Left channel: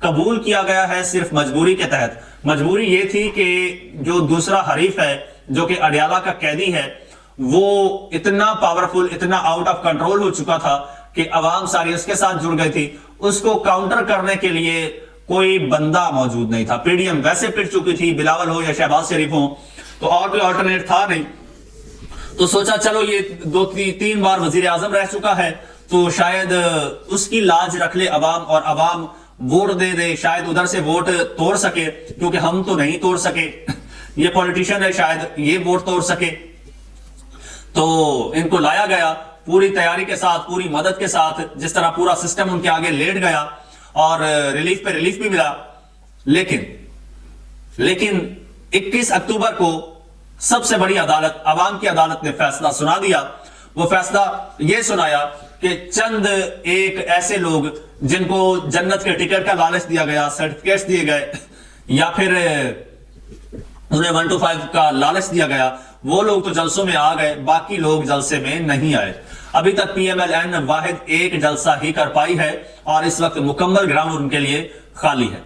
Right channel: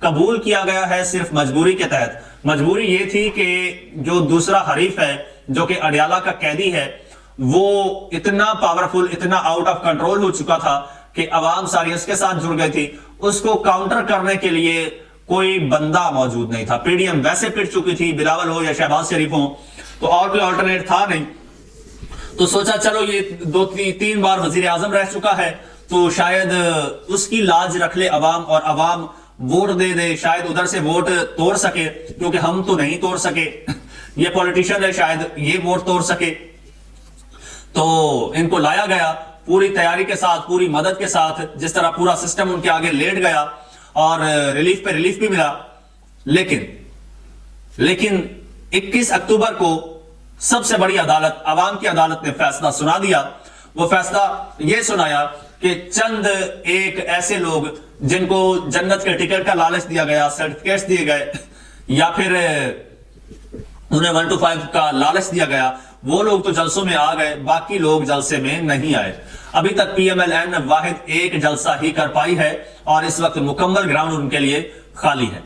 قبول کیا گیا ہے صرف مجبوری کے تحت۔ مجبوری یہ تھی کہ جو دوسرا حریف ہے جو کہ اڈیالہ کا قیدی ہے وہ اتنا پاورفل، اتنا آؤٹ آف کنٹرول ہو چکا تھا کہ عوام ساری اس کے ساتھ جڑ گئی تھی، اس کو کاؤنٹر کرنے کے لیے کوئی بندہ موجود نہیں تھا۔ پی ڈی ایم ویسے پٹ چکی تھی، بلاول ہو یا شہباز شریف ہو، تو اور کوئی آلٹرنیٹ تھا نہیں، تو سوچا چلو یہ 2-3 بار وزیر اعظم رہ چکا ہے تو شاید اس کی لاج رکھ لے عوام، اور عوام ووٹ دے دے، شاید ادھر سے ووٹ توڑ سکے، کیونکہ ہم تو نہیں توڑ سکے، یہ پولیٹیشین ہے شاید یہ ووٹ توڑ سکے۔ تو ان کو لایا گیا پوری تیاری کے ساتھ، پوری مدد کے ساتھ، جس طرح پورا سسٹم ان کے آگے لیٹ گیا اور ریلیف پہ ریلیف بھی ملا۔ لیکن 21 اکتوبر کو سب سے بڑی عدالت، عوام کی عدالت نے فیصلہ سنا دیا۔ وہ فیصلہ یہ سنایا کہ چند ایک ایسے لوگ جن کو جنت کے ٹکٹ کا لالچ دیا گیا، سرٹیفکیٹس دیے گئے، یا پھر انہیں 1 to 5 کا لالچ دیا گیا، وہ لوگ تو جلسوں میں آ گئے، باقی لوگ جلسے میں نہیں آئے۔ ابھی تک پی ایم ایل این واحد ایک جلسہ ہی کر پائی ہے اور اس وقت مکمل گراؤنڈ ان کے لیے خالی ہے۔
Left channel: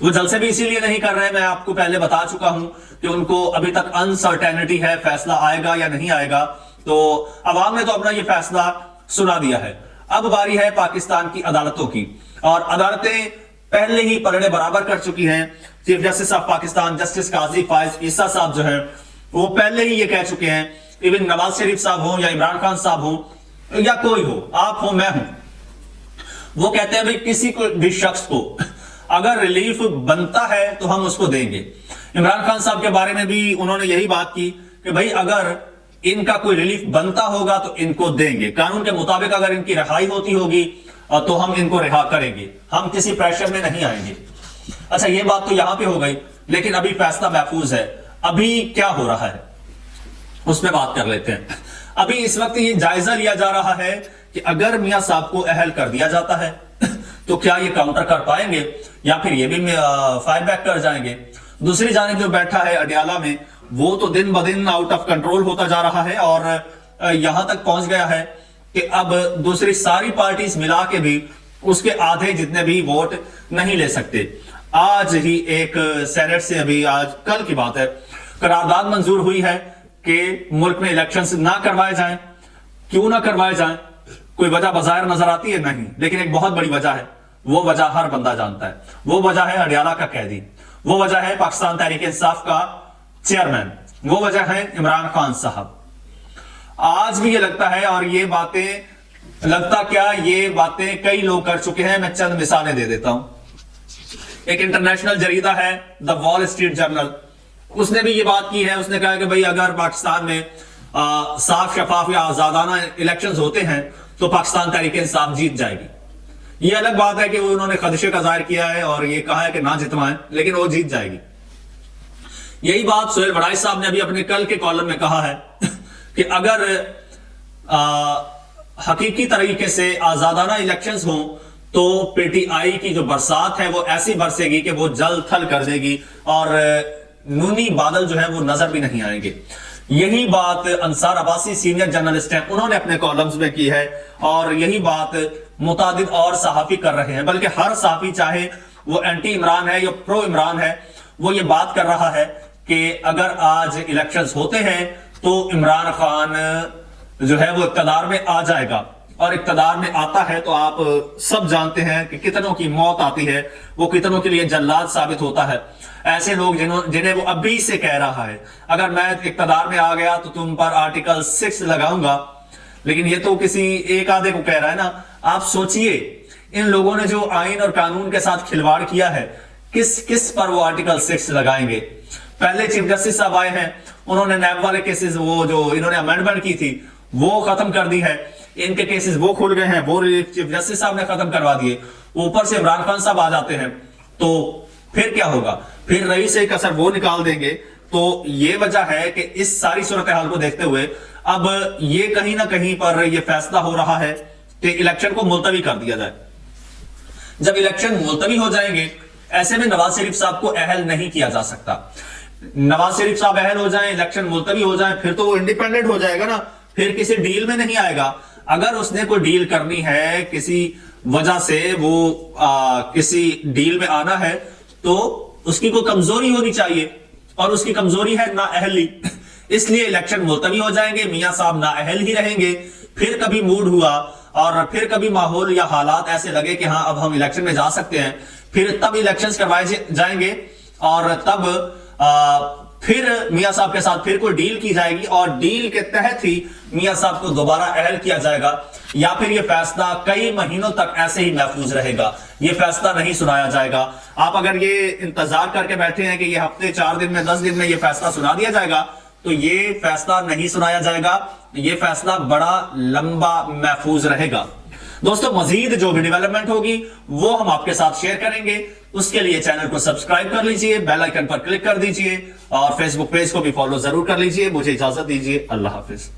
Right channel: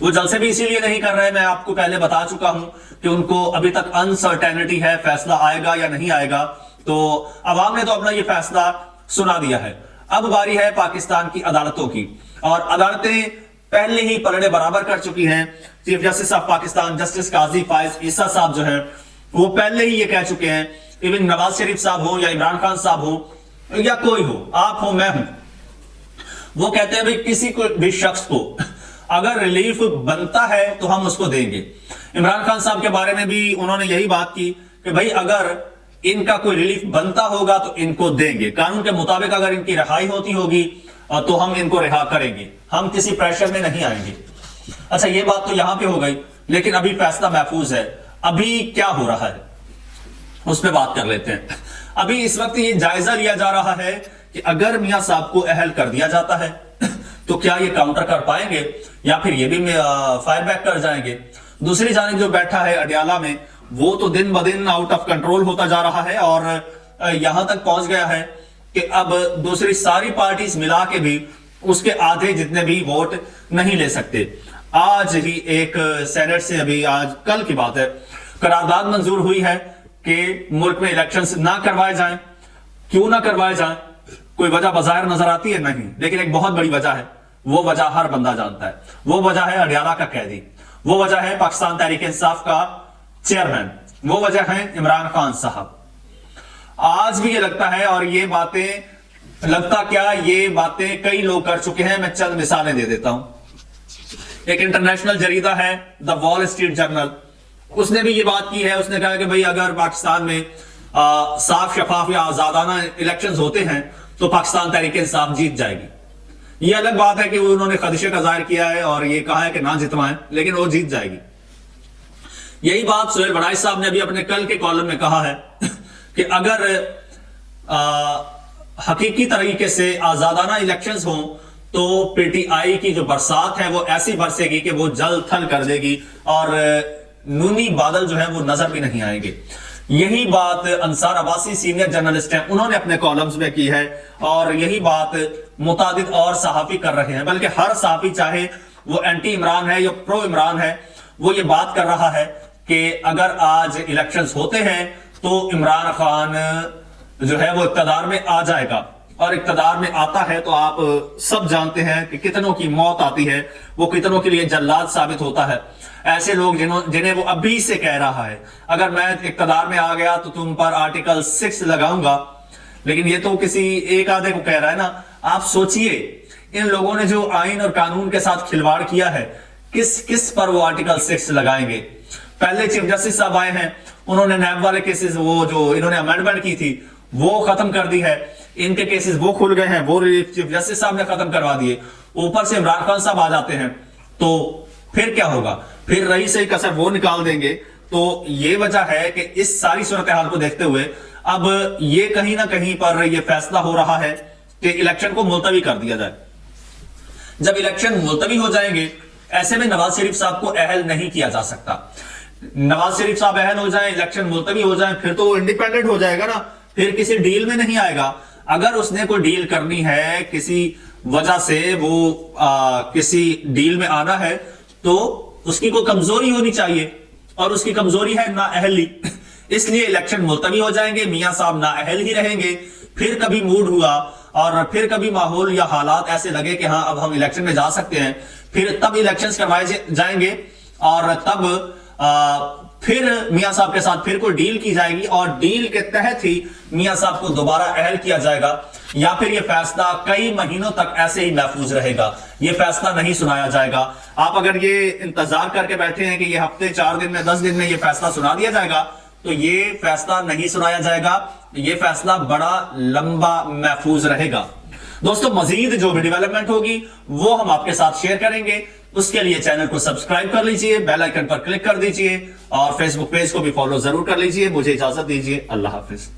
وہ جلسے بھی اسی لیے نہیں کر رہے، میں آپ کو پہلے بتا چکا ہوں کہ ان کو ابھی تک انسرٹینٹی ہے، فیصلہ آئے گا یا نہیں آئے گا۔ تو عوام نے تو اپنا یہ فیصلہ سنا دیا ہے، اب باری ہے پاکستان کی عدالتوں کی، اور عدالتیں پہلے ہی پلڑے برابر کر چکی ہیں۔ Chief justice of Pakistan justice قاضی فائز عیسیٰ صاحب جو ہیں وہ پہلے ہی یہ کہہ چکے ہیں، ایون نواز شریف صاحب ہوں یا عمران خان صاحب ہوں یا کوئی ہو، آپ ہوں میں ہوں، وہ کہتے ہیں بھئی کسی کو بھی شخص کو اگر ریلیف بنتا ہے تو ہم اس کو دیں گے۔ عمران خان صاحب کے بارے میں بھی انہوں نے یہی بات کی کہ بھئی اگر ان کا کوئی ریلیف بنتا ہوگا تو ان کو دیں گے، قانون کے مطابق اگر ان کی رہائی ہوتی ہوگی تو ہم ان کو رہا کریں گے، ہم کسی پریشر میں نہیں آئیں گے۔ اچھا یہ بات تو یہاں پہ ہو گئی، لیکن ابھی فیصلہ محفوظ ہے۔ ابھی کیا ہو رہا ہے اس پہ بات کر لیتے ہیں۔ ابھی اس وقت یہ جائزہ لیا جا رہا ہے کہ اگر میاں صاحب کو اہل کر دیا جاتا ہے تو کیا یہ کاؤنٹر کر پائیں گے یا پھر یہ بھی فائر بیک کر جائیں گے۔ دوسری جانب جو بیٹھا ہے اڈیالہ میں وہ تو دن بدن آؤٹ آف کنٹرول ہوتا جا رہا ہے اور یہاں تک پہنچ گیا ہے کہ اب دوسری ساری پارٹیز ملا کے بھی اس کے آدھے جتنے بھی ووٹ نہیں لے سکتے۔ آج ہی ایک سینٹ سے ابھی آج کل کی بات ہے قرارداد منظور ہوئی ہے کہ ملک میں الیکشنز نہ کروائے جائیں۔ کیوں نہ کروائے جائیں؟ کوئی وجہ بظاہر نظر آتی ہے نہیں، لیکن ایک بہت بڑی وجہ ہے، وہ وجہ ہر بندہ جانتا ہے، وہ وجہ ہے اڈیالہ کا قیدی، وہ وجہ ہے پاکستان تحریک انصاف کا چیئرمین، وہ وجہ ہے عمران خان صاحب۔ آج بھی یہ لگتا ہے، اور یہ باتیں لگتا کیا، یہ باتیں کئی لوگ کر چکے ہیں، میں چند مثالیں دے دیتا ہوں۔ ایک انٹرنیشنل جریدہ ہے دا وال اسٹریٹ جرنل، اس نے بھی یہ بات کی ہے، اس نے کہا کہ بھئی اگر پاکستان میں صاف شفاف یا آزادانہ الیکشنز ہوتے ہیں تو پاکستان تحریک انصاف جیت جائے گی۔ یہ الگ بات ہے کہ وہ انہوں نے خدشے کا ظاہر کیا ہے اور یہ کہا ہے کہ نہ جتوائیں، لیکن وہ جیت جائے گی۔ یہی بات سہیل بڑائی صاحب نے بھی اپنے کل کے کالم میں کہا ہے کہ اگر حقیقی طریقے سے آزادانہ الیکشنز ہوں تو پی ٹی آئی کی جو برسات ہے وہ ایسی برسے گی کہ وہ جل تھل کر دے گی اور نونی بادل جو ہے وہ نظر بھی نہیں آئیں گے۔ یہی بات انصار عباسی سینئر جرنلسٹ ہیں، انہوں نے اپنے کالمز میں کی ہے، اور یہی بات متعدد اور صحافی کر رہے ہیں، بلکہ ہر صحافی چاہے وہ اینٹی عمران ہے یا پرو عمران ہے وہ یہ بات کر رہا ہے کہ اگر آج الیکشنز ہوتے ہیں تو عمران خان جو ہے وہ اقتدار میں آ جائے گا، اور اقتدار میں آتا ہے تو آپ سب جانتے ہیں کہ کتنوں کی موت آتی ہے، وہ کتنوں کے لیے جلاد ثابت ہوتا ہے۔ ایسے لوگ جنہیں وہ ابھی سے کہہ رہا ہے اگر میں اقتدار میں آ گیا تو تم پر آرٹیکل 6 لگاؤں گا، لیکن یہ تو کسی ایک آدھے کو کہہ رہا ہے نا۔ آپ سوچئے ان لوگوں نے جو آئین اور قانون کے ساتھ کھلواڑ کیا ہے، کس پر وہ آرٹیکل 6 لگائیں گے؟ پہلے چیف جسٹس صاحب آئے ہیں، انہوں نے نیب والے کیسز وہ جو انہوں نے امینڈمنٹ کی تھی وہ ختم کر دی ہے، ان کے کیسز وہ کھل گئے ہیں، وہ چیف جسٹس صاحب نے ختم کروا دیے، اوپر سے عمران خان صاحب آ جاتے ہیں، تو پھر کیا ہوگا؟ پھر رئیس ایک اثر وہ نکال دیں گے۔ تو یہ وجہ ہے کہ اس ساری صورتحال کو دیکھتے ہوئے اب یہ کہیں نہ کہیں پر یہ فیصلہ ہو رہا ہے کہ الیکشن کو ملتوی کر دیا جائے۔ جب الیکشن ملتوی ہو جائیں گے، ایسے میں نواز شریف صاحب کو اہل نہیں کیا جا سکتا۔ نواز شریف صاحب اہل ہو جائیں، الیکشن ملتوی ہو جائیں، پھر تو وہ انڈیپینڈنٹ ہو جائے گا نا، پھر کسی ڈیل میں نہیں آئے گا۔ اگر اس نے کوئی ڈیل کرنی ہے کسی وجہ سے وہ کسی ڈیل میں آنا ہے تو اس کی کوئی کمزوری ہونی چاہیے، اور اس کی کمزوری ہے نااہلی، اس لیے الیکشن ملتوی ہو جائیں گے، میاں صاحب نااہل ہی رہیں گے، پھر کبھی موڈ ہوا اور پھر کبھی ماحول یا حالات ایسے لگے کہ ہاں اب ہم الیکشن میں جا سکتے ہیں، پھر تب الیکشنز کروائے جائیں گے، اور تب پھر میاں صاحب کے ساتھ پھر کوئی ڈیل کی جائے گی، اور ڈیل کے تحت ہی میاں صاحب کو دوبارہ اہل کیا جائے گا، یا پھر یہ فیصلہ کئی مہینوں تک ایسے ہی محفوظ رہے گا، یہ فیصلہ نہیں سنایا جائے گا۔ آپ اگر یہ انتظار کر کے بیٹھے ہیں کہ یہ ہفتے 4 دن میں 10 دن میں یہ فیصلہ سنا دیا جائے گا، تو یہ فیصلہ نہیں سنایا جائے گا، یہ فیصلہ بڑا لمبا محفوظ رہے گا۔ دوستو مزید جو بھی ڈیولپمنٹ ہوگی وہ ہم آپ کے ساتھ شیئر کریں گے، اس کے لیے چینل کو سبسکرائب کر لیجئے، بیل آئیکن پر کلک کر دیجئے، اور فیس بک پیج کو بھی فالو ضرور کر لیجئے۔ مجھے اجازت دیجئے، اللہ حافظ۔